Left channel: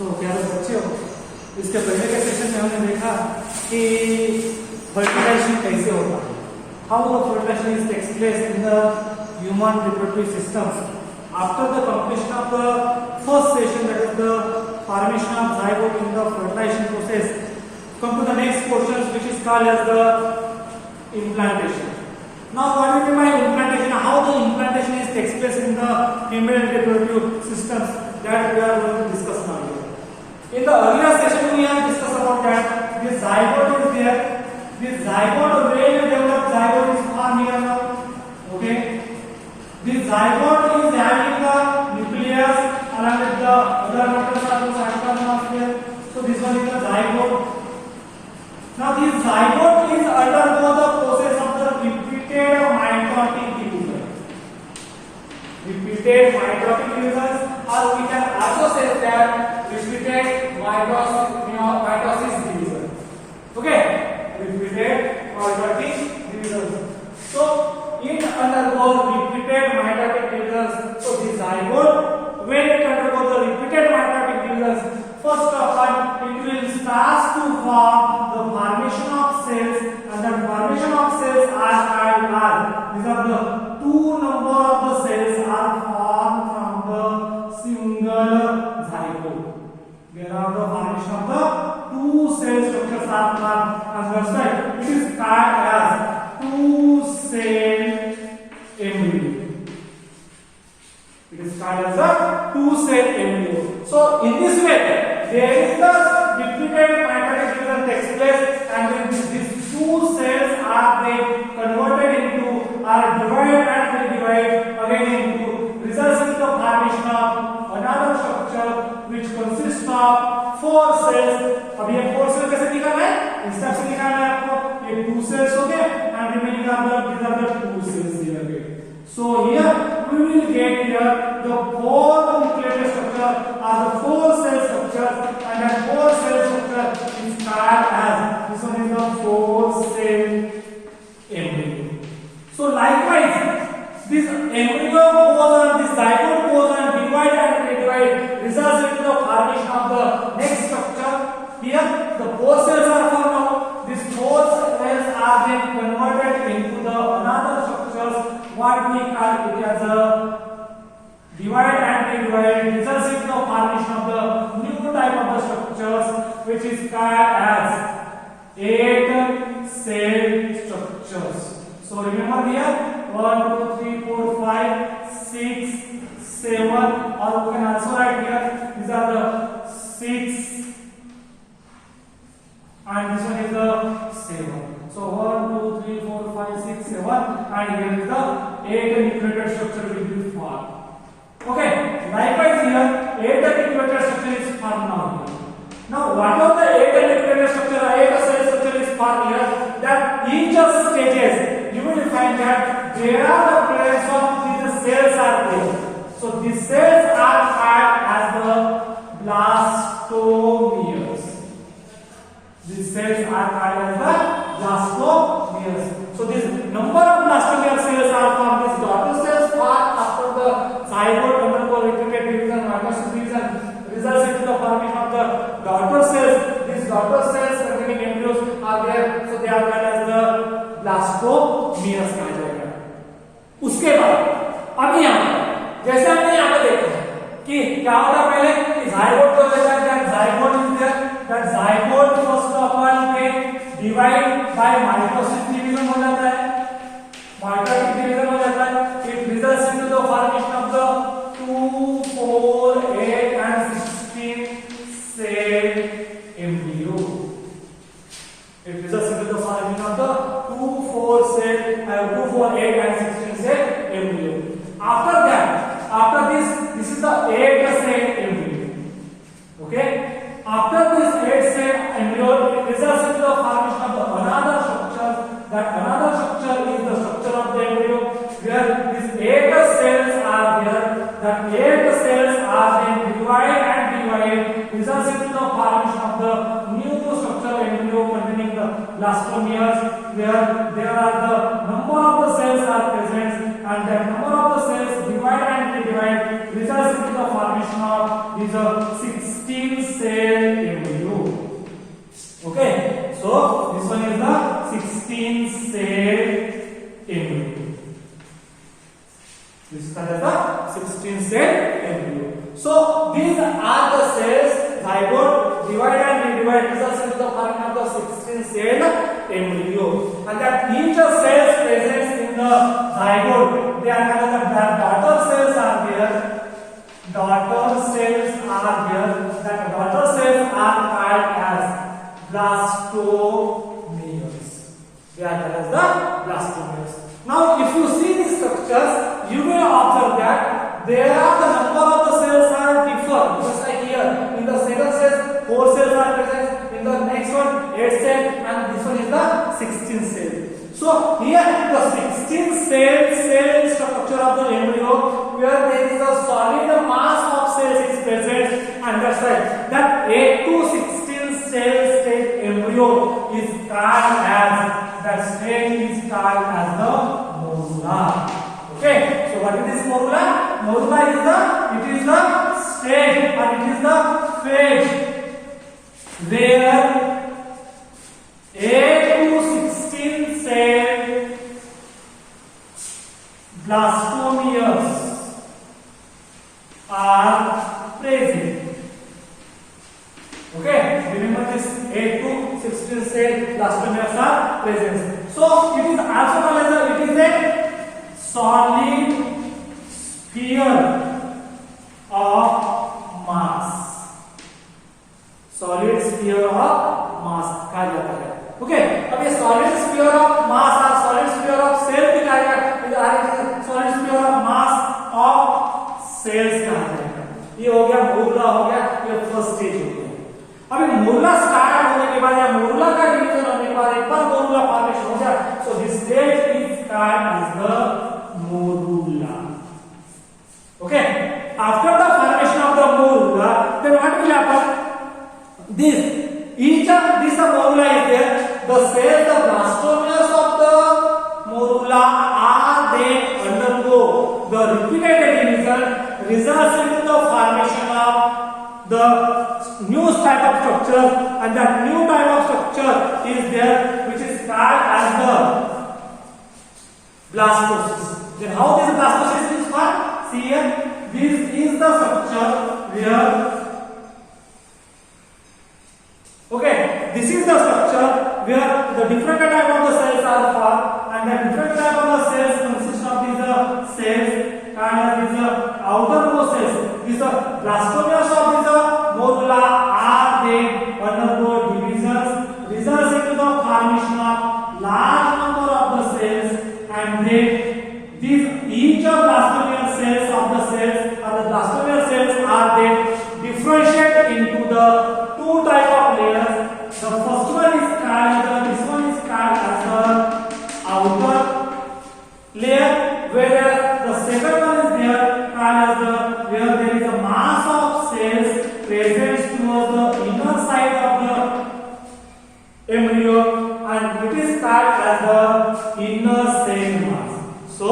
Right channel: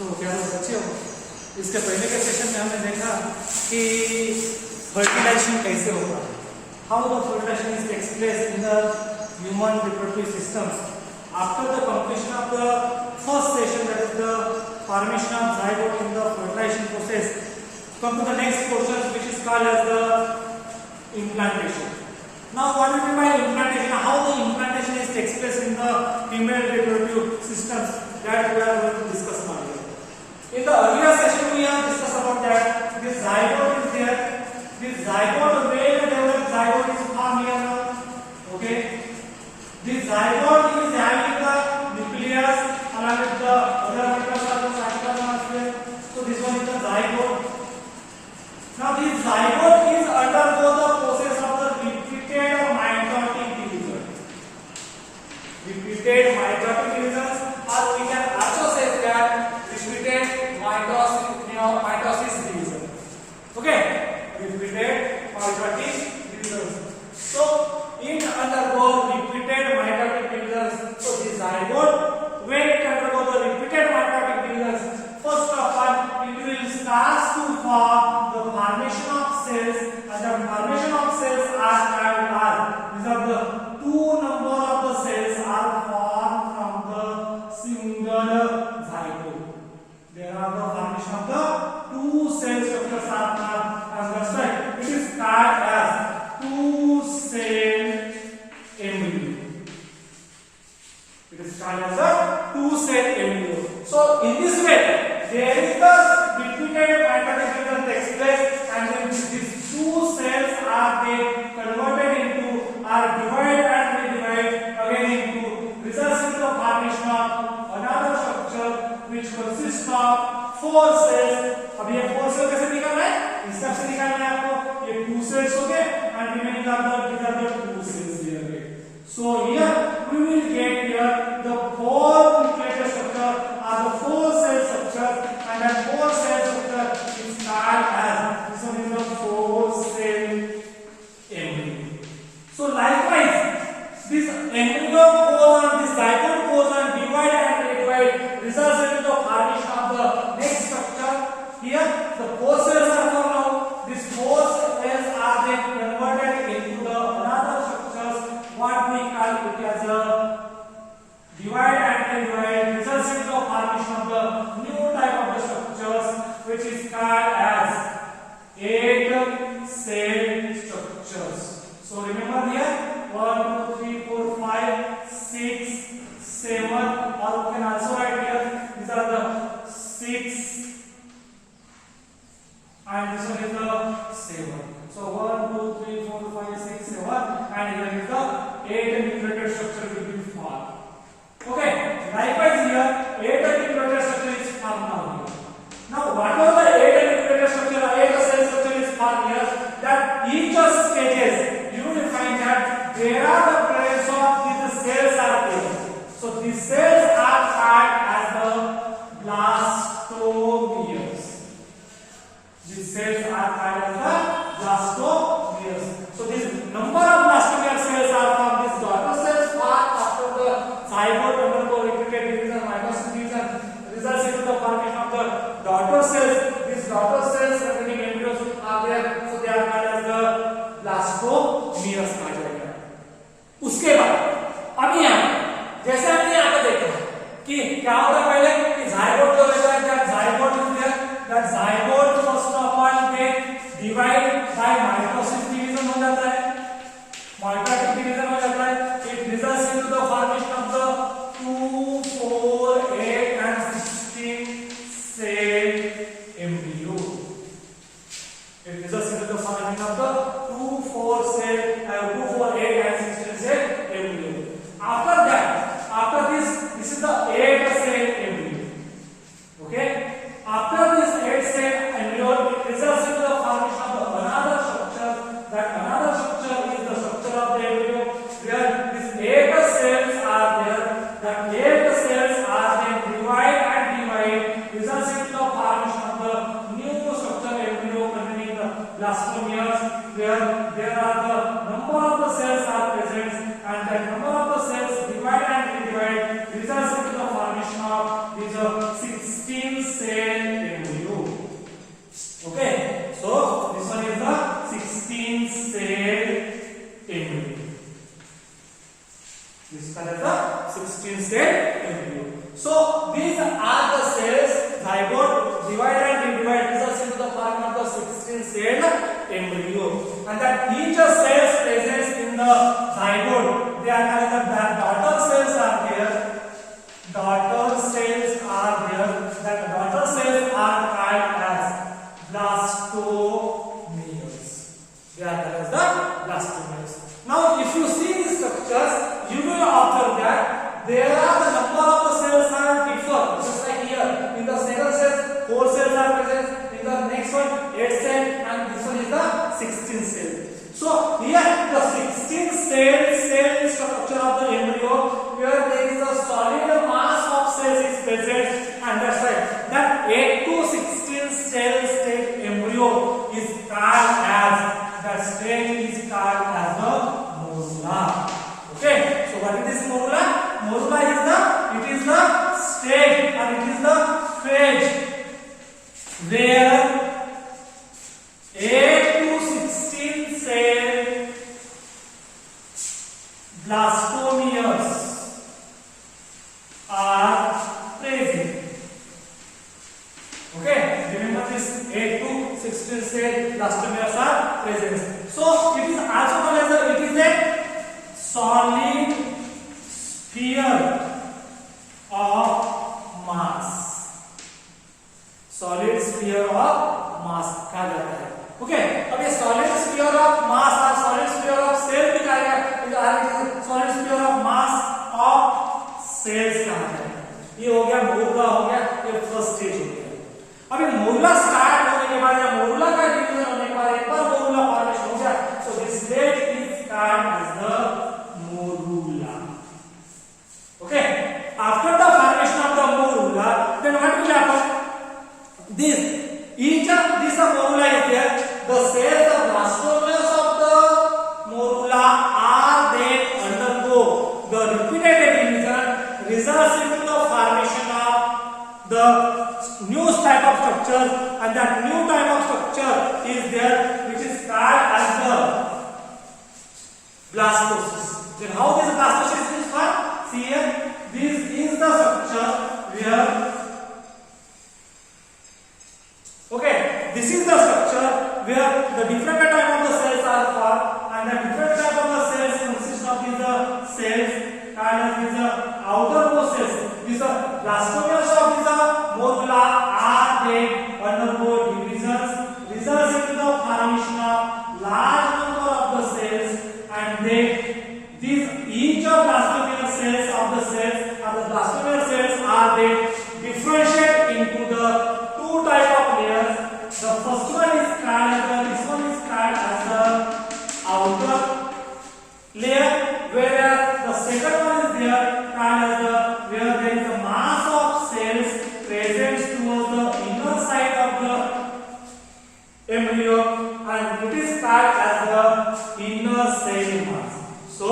तो प्यारे बच्चों, इसके पहले के सेशन में हमने देखा कि फर्टिलाइजेशन कैसे होता है, how the fertilization takes place in the human reproductive systems after the completion of the first session, that is the formation of zygote in the fertilization process. Come to the next portion, which is called as the implantation. Now what do you mean by implantation? How the implantation is takes place in the female reproductive systems, that we are going to discuss now. In the earlier session we have discussed about that this zygote is there. This zygote, when developed zygote is formed here now. Okay, this zygote is having the nucleus along with the other metals are the cytoplasm are there. So this one is the zygote. Now this zygote is undergo the process of the repeated mitotic division. Repeated mitotic divisions, or we can also say that repeated mitosis division. Okay, repeated mitotic divisions. So it undergo repeated mitotic divisions. So the zygote, when it undergo the repeated mitotic divisions, first of all it will start to form the formation of cells, and the formation of cells are called as, these are the two number of the cells are formed from the single zygote. There are the formation of the two cell structures are formed, and that's why it is called as two cell embryo. It is called as a two cell embryo. So in this way there is the repeated mitotic division takes place, and then these two cells are they converted into, are divided and they divide again into, results in the formation of another structure which consists of four cells. अब ये four cell कैसे निकालना है, इस तरह से निकालना है आपको. ये टू सेल्स हो गए and remaining are the two cells here again. So here we will get here the four nucleated structure are the four cell structure, and that four cell structure is called as, this one is the four cell embryo. So likewise this embryo goes on, this zygote goes on divide and redivide, results in the formation of the next structure. Here the four cells are formed now. These four cells are then converted into the another structures, what we call it as a divide and redivide, results in the formation of the new type of the structures which is called as eight cell structures. So remember here 1 2 3 4 5 6 7, or we can also write here these are the 6 and this one is the 7. So 1 2 3 4 5 6 7, and here is the 8 nucleated structure will be formed. Okay, likewise here 8 nucleated structure is formed now here. Now what are the 8 nucleated structure, 8 cell structure is formed here, that each of stages you will find that there are the presence of these cells are there. So these cells are called as the blastomeres. These cells are called as the blastomeres. So this number of blastomere cells are from these daughter cells formed after the zygote undergo repeated division, mitosis division, results into the formation of the daughter cells. These daughter cells containing embryos are there, so they are called as the blastomeres कहा जाएगा. उसके बाद अभी यहाँ जैसे हमने यहाँ पे देखा कि क्या होता है पहले कि zygote को लेता है, that zygote is there, that zygote first of all get divide by mitosis division हो जाता है, mitotic division हो जाता है. It results into the formation of the 2 4 8 and 16 cell embryo. It results into the formation of the 2 4 cell 2 4 8 and 16 cell embryo. After that, after this is the 8 cell embryo. Okay, after this 8 cell embryo it results into the formation of the another structure. That another structure is the structure of the embryo, where these 8 cells are there. That 8 cells are then divide and divide, results into the formation of the new structure embryo containing the blastomeres, where there are the number of the cells are present, and that number of the cells divide and redivide, results into the formation of these 16 16 cell embryo. Okay, so this one is the 16 cell embryo. This is the 16 cell embryo. So these are the cells zygote divide and redivide results into the form of the 16 cell embryo, and that each cells present in the zygote, they are called the daughter cells are there. Daughter cells are there. That daughter cells are called as blastomeres. They are called as the blastomeres. Now, if you see these structures, you will observe that there are the number of the cells are different. Just like here, in the second cell, 4 cells are present. In the next one, 8 cells, and this one is the 16 cell. So here, the 16 cell structure of the embryo, where there is a solid mass of cells is present, and that's right. That 8 to 16 cell state embryo is called as the morula. Okay, so what is this morula? Morula is the stage, or it is the phase where 8 to 16 cell blastomeres are present. Okay, remember this 8 to 16 cell blastomeres are present. So it is also called as it is a solid sphere of mass. Solid sphere of mass कहा जाता है. Okay, अब ये solid sphere of mass और solid sphere of cell भी कहा जाता है. solid sphere of mass of cells कहा जाता है. ये हो गया मोरुला, हो गया ये फर्स्ट स्टेज हो गया. अभी मोरुला स्टार्ट होने के बाद या मोरुला का डिवीजन होने के बाद एक बार मोरुला फॉर्मेशन हो गया, so this stage is called as the morula. Okay, after the formation of the morula, then what will happen? This morula is there. The cells, the blastomeres of the morula are then undergo the repeated division, results into the formation of the new type of structure, and that new type of structure is there, which is called as the blastocyst. Then how this blastocyst is formed? See here, this is the structure where, okay, this is the structure where the different type of the cells are formed, and the different type of the cells consist of these cells called as these outermost cells. These blastomeres of this morula are then undergo divisions, results into the formation of large number of the cells, and then these each of blastomere cells of the cells or the blastomere cells are then differentiated into the two type of layers. The first one is called this one is called as the outer layer, whereas the second one is there called as the where there is a mass of cells present towards the inner side of the embryo, and it is called as the inner cell mass. So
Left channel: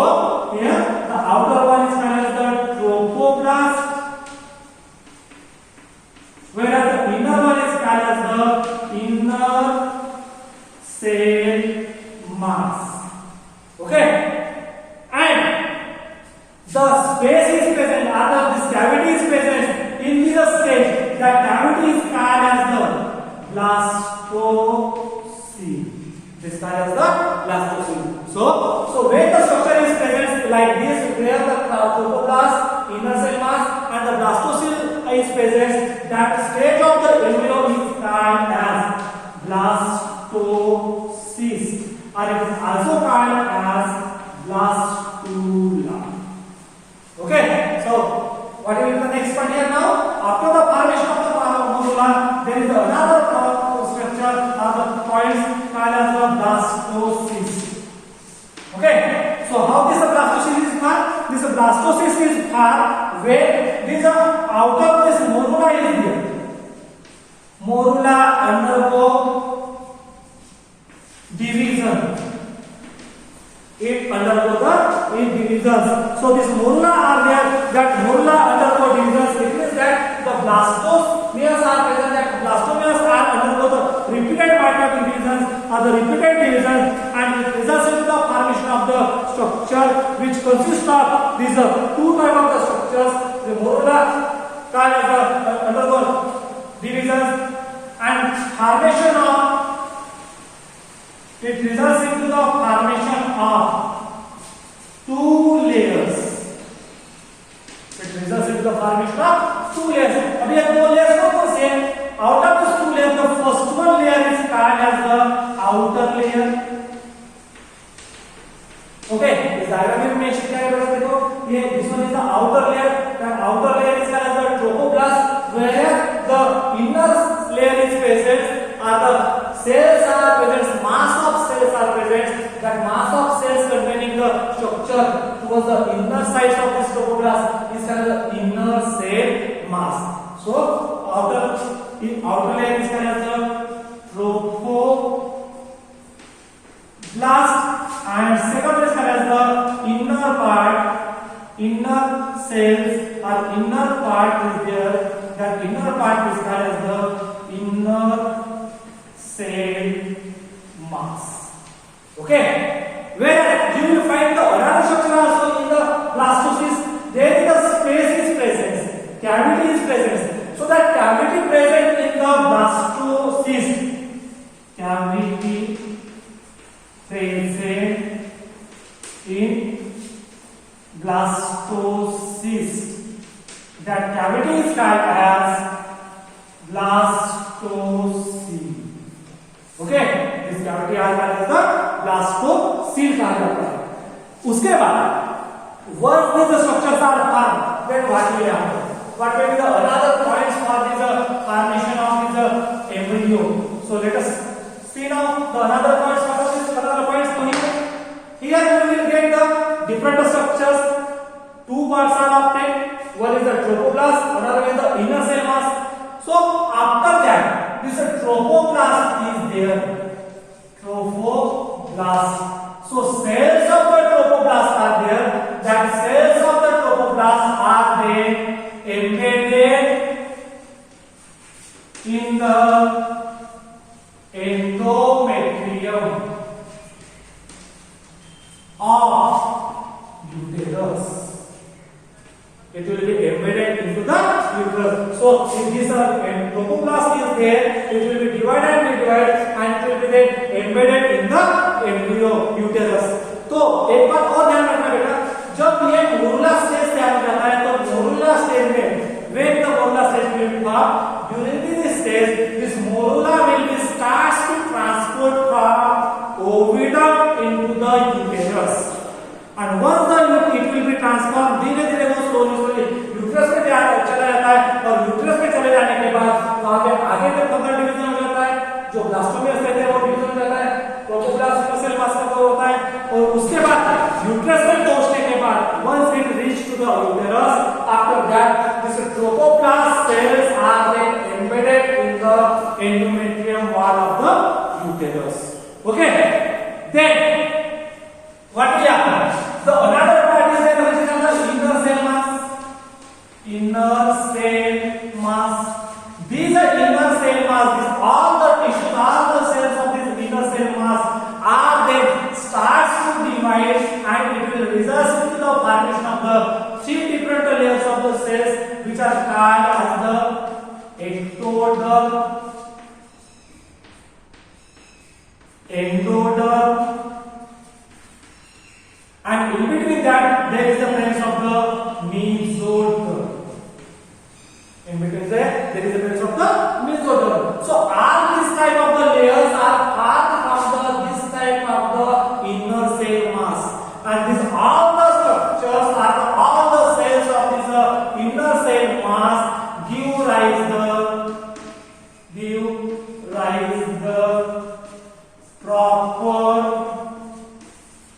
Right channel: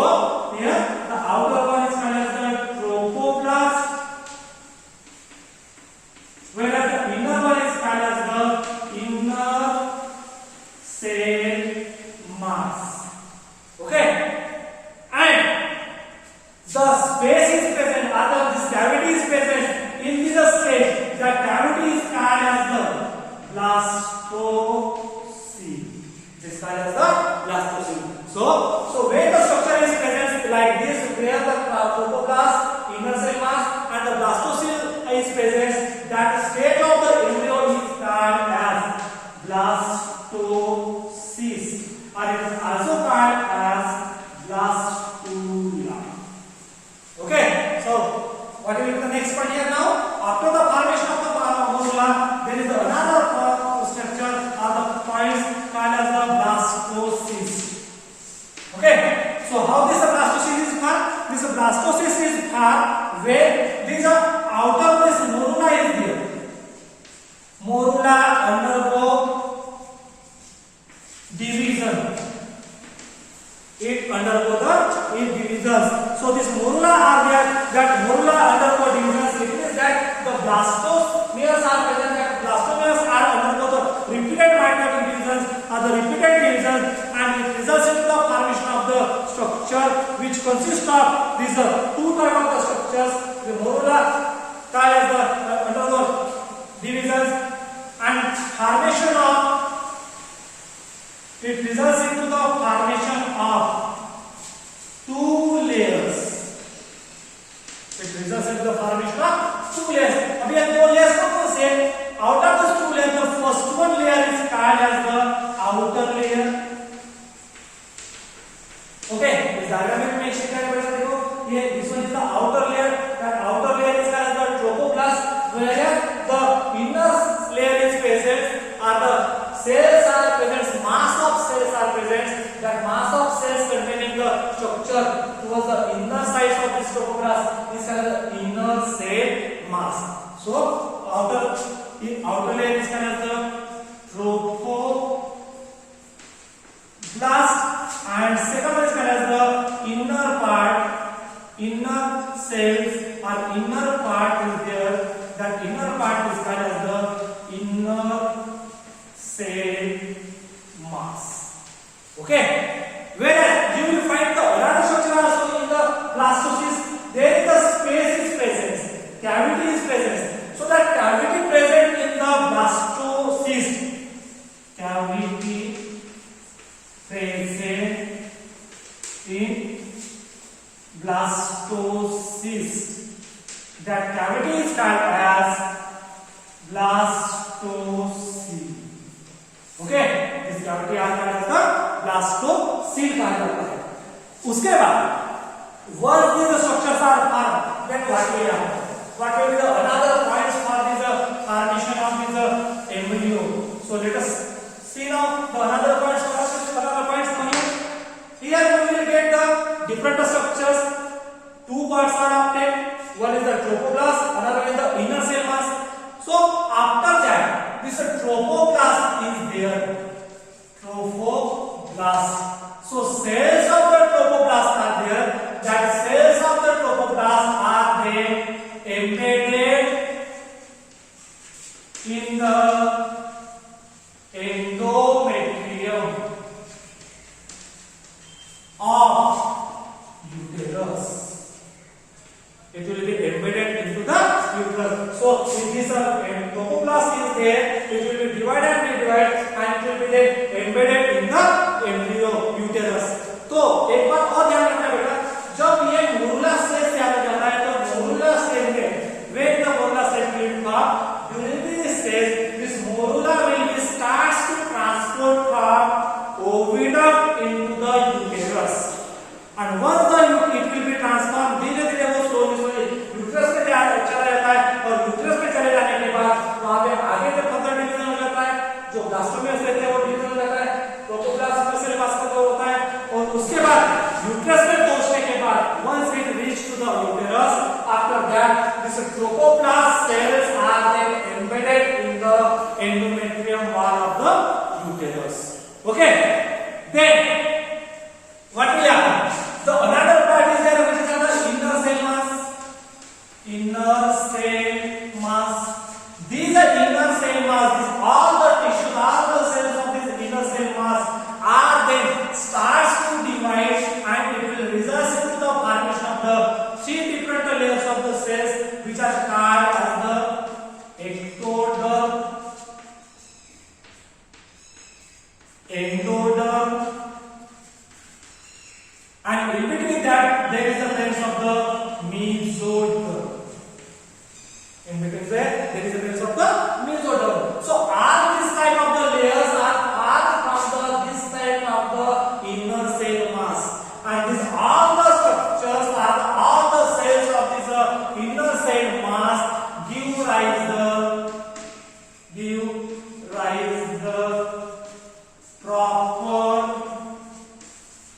here the outer one is called as the trophoblast, whereas the inner one is called as the inner cell mass. Okay, and the space is present, or this cavity is present in this stage. That cavity is called as the blastocyst. This is called as the blastocyst. So when the structure is present like this, where the trophoblast, inner cell mass, and the blastocyst is present, that stage of the embryo is called as blastocyst, or it is also called as blastula. Okay, so what is the next part here now? After the formation of the morula, there is another structure or the point called as the blastocyst. Okay, so how this blastocyst is formed? This blastocyst is formed where this outer this morula is there. Morula undergo division. It undergo the divisions. So this morula are there. That morula undergo divisions. It means that the blastomeres are the repeated division and it results in the formation of the structure which consists of these two type of the structures, the morula called as the undergo divisions and formation of it results into the formation of two layers. It results into the formation of two layers. अब ये दो layers कौन से हैं? Out of these two layers, the first one layer is called as the outer layer. Okay, इस diagram में मैं क्या है बेटा देखो, ये this one is the outer layer. That outer layer is called as the trophoblast, where the inner layer is present, or the cells are present, mass of cells are present. That mass of cells containing the structure towards the inner sides of this trophoblast is called the inner cell mass. So outer layer is called as the trophoblast and second one is called as the inner part, inner cells or inner part is there. That inner part is called as the inner cell mass. Okay, whereas you will find the another structure also in the blastocyst. There is the space is present, cavity is present. So that cavity present in the blastocyst, cavity present in blastocyst, that cavity is called as blastocyst. Okay, this cavity आज कहा जाता है blastocyst कहा जाता है. उसके बाद once these structures are formed, then what will happen? What will be the another points for this formation of this embryo? So let us see now the another points. What are these another points? Here we will get the different structures. Two parts are obtained. One is the trophoblast, another is the inner cell mass. So after that, this trophoblast is there. Trophoblast. So cells of the trophoblast are there. That cells of the trophoblast are they embedded in the endometrium of uterus. It will be embedded into the uterus. So if this trophoblast is there, it will be divided and divided and it will be then embedded in the embryo uterus. तो एक बात और ध्यान रखना बेटा, जब ये morula stage से आगे जाता है तो मोरुला स्टेज में when the morula stage will form, during this stage this morula will be starts to transport from ovidum into the uterus. And once the it will be transformed, धीरे धीरे वो slowly uterus में चला जाता है और uterus में चले जाने के बाद वहां पे आगे जब फर्दर डिवीजन हो जाता है, जो ब्लास्टोमियस रहते हैं वो डिवीजन हो जाता है, ट्रोपोब्लास्ट सेल मास का होता है और उसके बाद यूट्रस में पहुंचने के बाद once it reach to the uterus, after that this trophoblast cells are then embedded in the endometrium wall of the uterus. Okay, then what will happen? The another part is there which is the inner cell mass. Inner cell mass. These are inner cell mass. All the tissues, all the cells of this inner cell mass are then starts to divide and it will result into the formation of the three different layers of the cells which are called as the ectoderm, endoderm, and in between that there is the place of the mesoderm. In between there is the place of the mesoderm. So all this type of the layers are formed from this type of the inner cell mass, and this all the structures are all the cells of this inner cell mass give rise the proper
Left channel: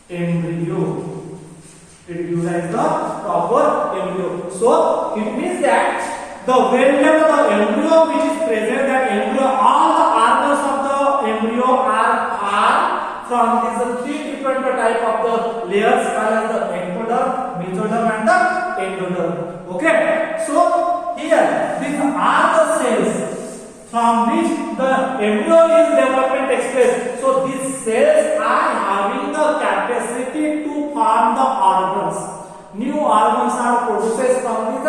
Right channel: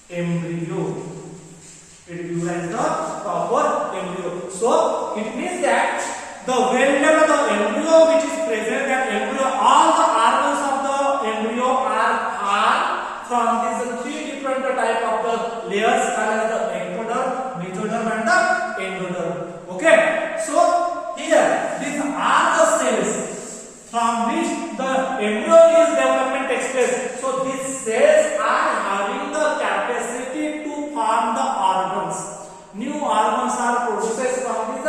embryo. It gives rise the proper embryo. So it means that the whenever the embryo which is present, that embryo, all the organs of the embryo are from these three different type of the layers called as the ectoderm, mesoderm and the endoderm. Okay, so here these are the cells from which the embryo is development takes place. So these cells are having the capacity to form the organs. New organs are produced from this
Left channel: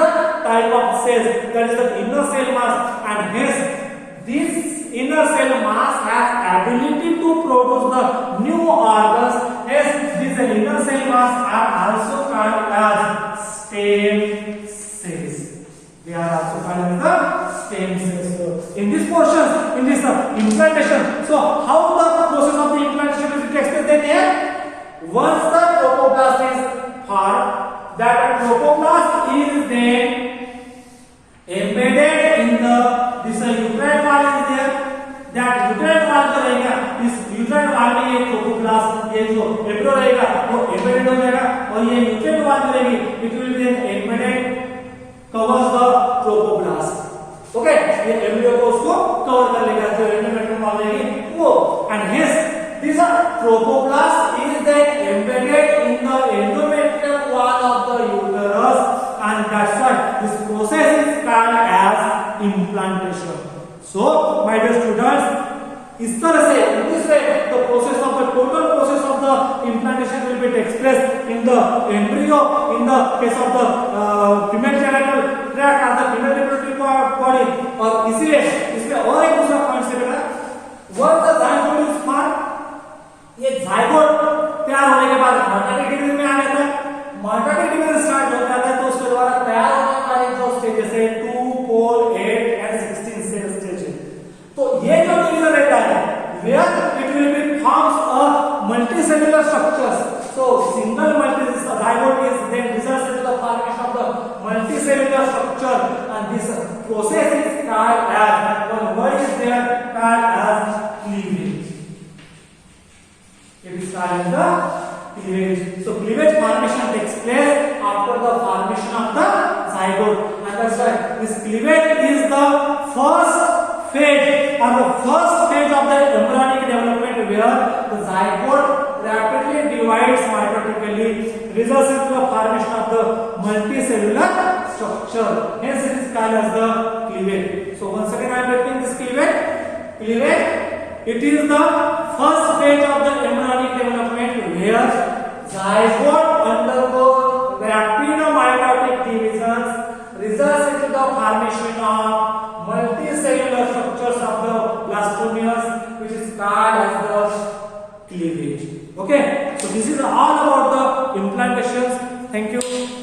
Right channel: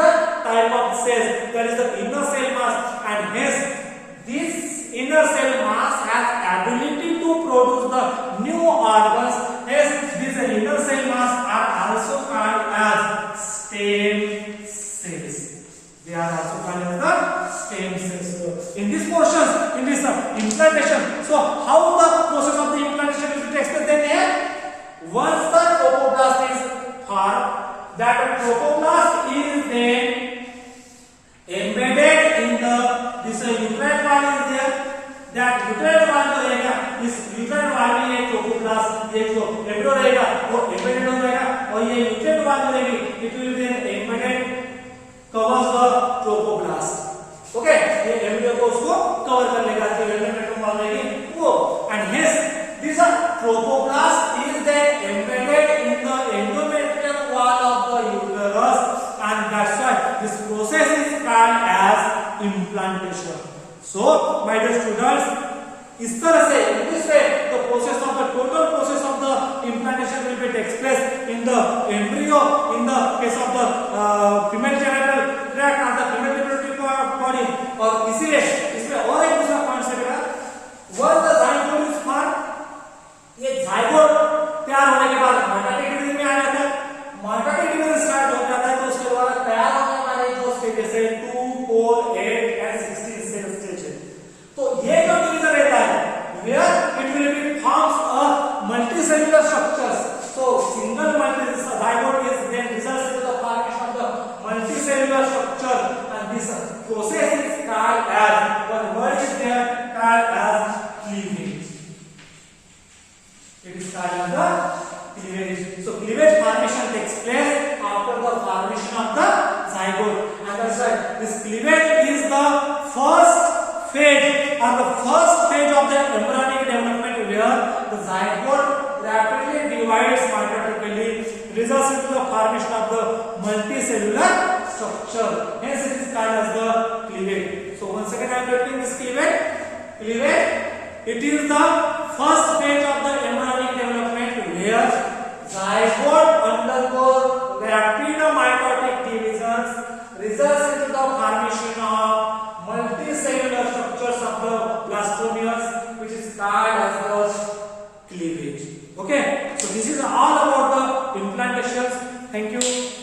type of cells, that is the inner cell mass, and hence this inner cell mass has ability to produce the new organs. Hence these inner cell mass are also called as stem cells. They are also called as the stem cells. So in this portion, in this implantation, so how the process of the implantation will be explained then here? Once the trophoblast is formed, that trophoblast is then embedded in the this uterine wall is there. That uterine wall जो रहेगा, इस uterine wall में ये trophoblast, ये जो embryo रहेगा वो embedded हो जाएगा, और ये uterine wall जो रहेगी it will be then embedded covers the trophoblast. Okay, ये embryo को उसको cover कर लेगा, जो endometrium wall रहेगी वो, and hence this trophoblast is then embedded in the endometrium wall of the uterus, and that's why this process is called as implantation. So my dear students, इस तरह से in this way the process of the total process of the implantation will be takes place in the embryo, in the case of the female genital tract and the female genital body. और इसीलिए इसमें और एक दूसरा point से बेटा, once the zygote is formed, ये zygote तैयार होने के बाद mitotic डिवीजन में आ जाता है. mitotic डिवीजन स्टार्ट हो जाता है तो उसके द्वारा तैयार होने वाले जो स्टेजेस है 2, 4, 8 and 16 सेल स्टेज है. तो ये जो डिवीजन रहता है where it will be forms a multicellular structures. So single zygote is then results in the formation of the multicellular structure, and this process is called as, one word is there called as cleavage. It is called as the cleavage. So cleavage formation takes place after the formation of the zygote, and that's why this cleavage is the first phase or the first stage of the embryonic development, where the zygote rapidly divides mitotically, results into the formation of the multicellular structure. Hence it is called as the cleavage. So once again I am repeating this cleavage. Cleavage, it is the first stage of the embryonic development where zygote undergoes rapid mitotic divisions, results into the formation of multicellular structures of the blastomeres, which is called as the cleavage. Okay, so this is all about the implantations. Thank you.